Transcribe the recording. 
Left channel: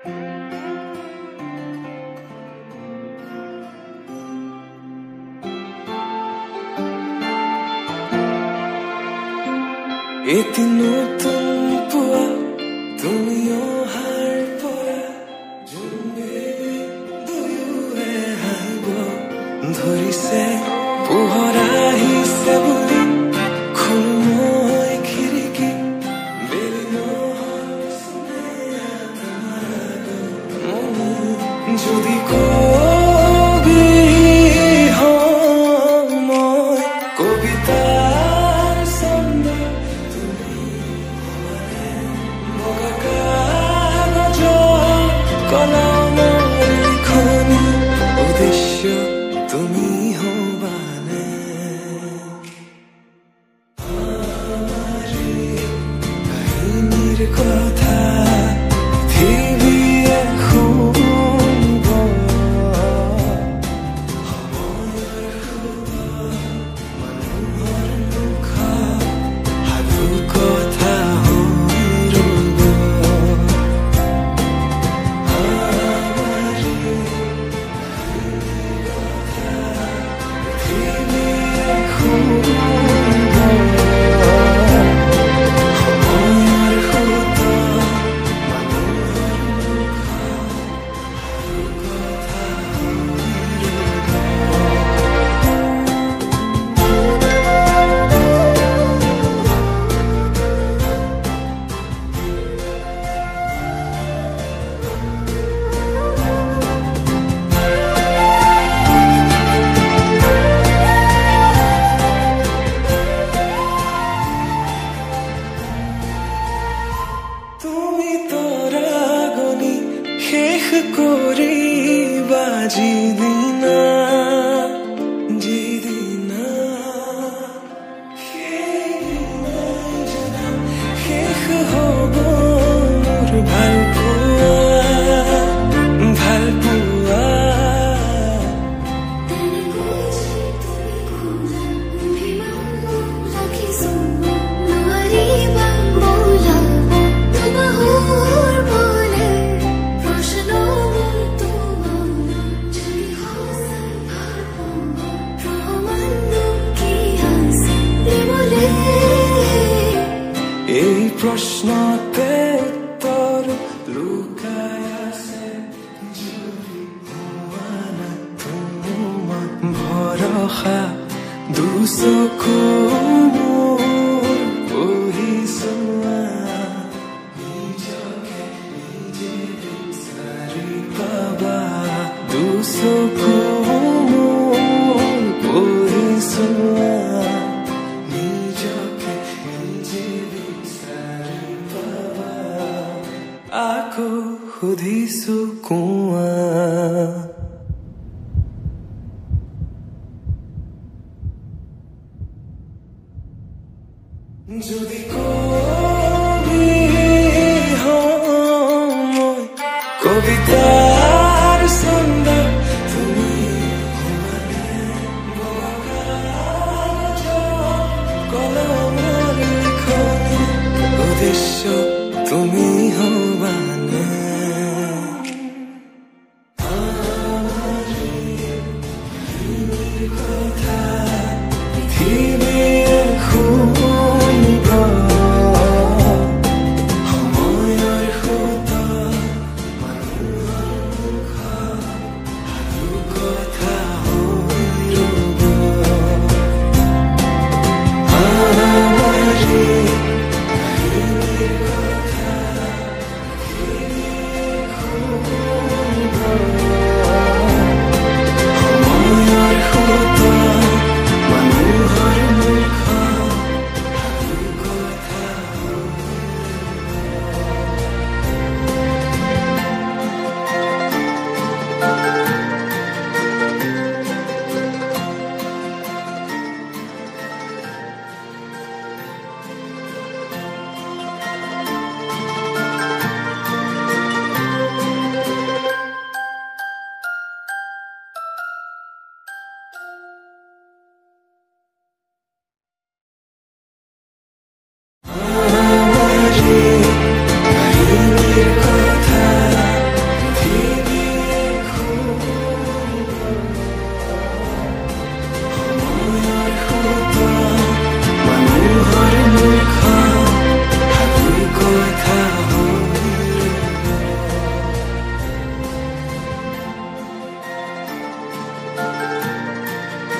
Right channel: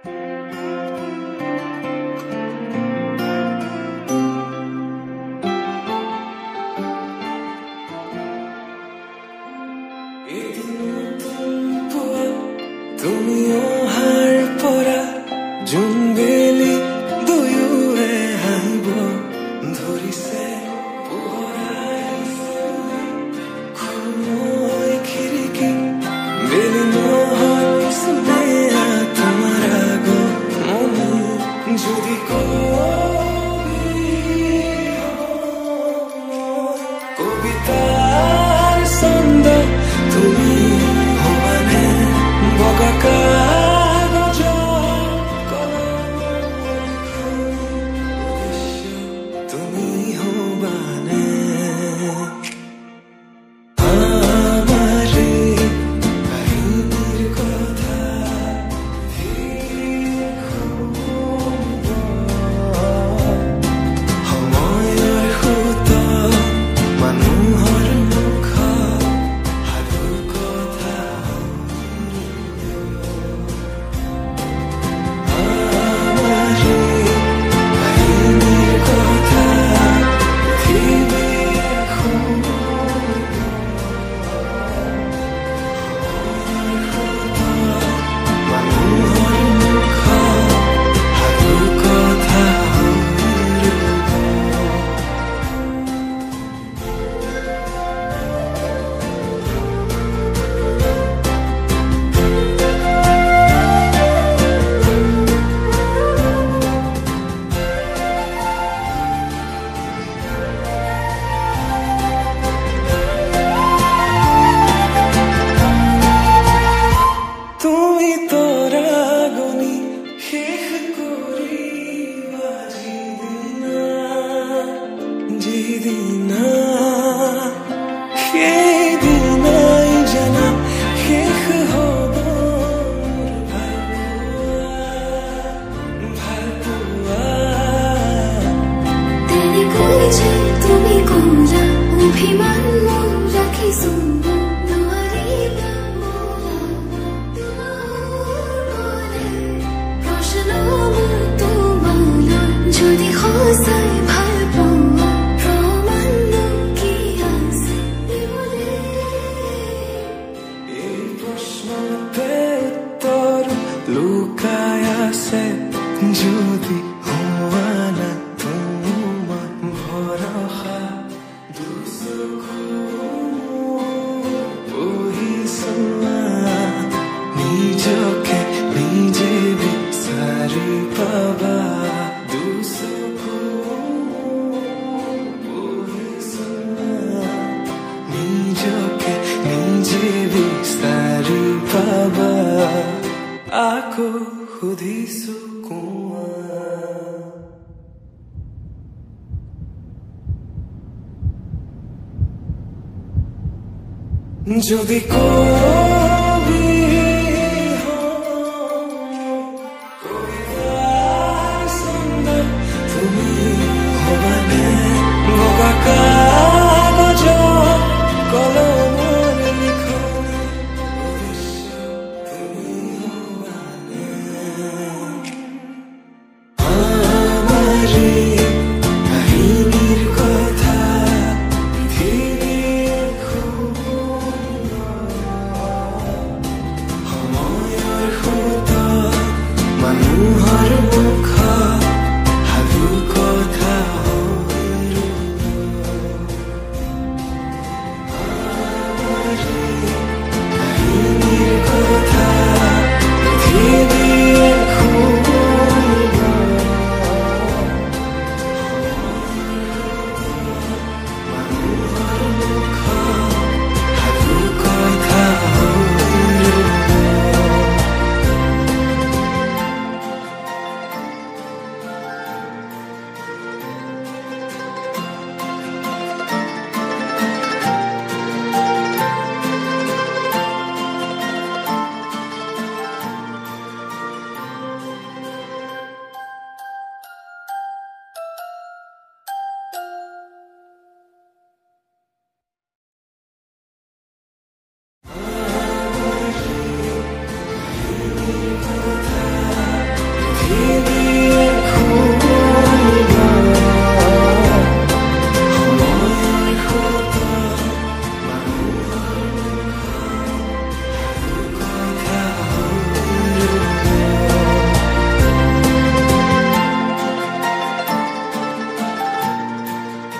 এটি নতুন পুৱা তুমি অহাৰ পৰা জোনবেলি দুয়োৱে হাঁহিব ধৰিছে পোহৰ আহিছে বুলি খোলো মই খিৰিকী বেলি নহয় চুনে তোমাৰ আগমনি যদি কবি হওঁ মই কবিতাৰ ছন্দ তুমি হবানে বগা কাগজৰ কলমৰ লিখনি উদ্দেশ্য তুমি হবানে আমাৰ কাহিনীৰ কথা পৃথিৱীয়ে শুনিব সময়ৰ সুত মানুহৰ মুখত সাধু কথা হৈ ৰ'ব আমাৰ কাহিনীৰ কথা পৃথিৱীয়ে শুনিব সময়ৰ সুত মানুহৰ মুখত সাধু কথা হৈ ৰ'ব তুমি তৰাগনি শেষ কৰিবা যিদিনা সেইদিনাই জানা শেষ হ'ব মোৰ ভাল পোৱা তেনেকৈ যে তুমি কৰা অভিমান মোৰ ৰাখিছো নোৱাৰিবা বোলাব তোমাৰ বলে প্ৰশ্ন মোৰ তোমালৈ যদি সঁচাই ভাল পোৱা প্ৰমাণনো কি আছে দিবলে এই প্ৰশ্নতে উত্তৰ লুকাই আছে যদি হোৱা না তোমাৰ ভৰসা দুচকু মোৰ পঢ়ি চোৱা নিজকে নিজে বিচাৰি পাবা দুচকু মোৰ পঢ়ি চোৱা নিজকে নিজে বিচাৰি পাবা আকৌ সুধিছো কোৱা যদি কবি হওঁ মই কবিতাৰ ছন্দ তুমি হবানে বগা কাগজৰ কলমৰ লিখনি উদ্দেশ্য তুমি হবা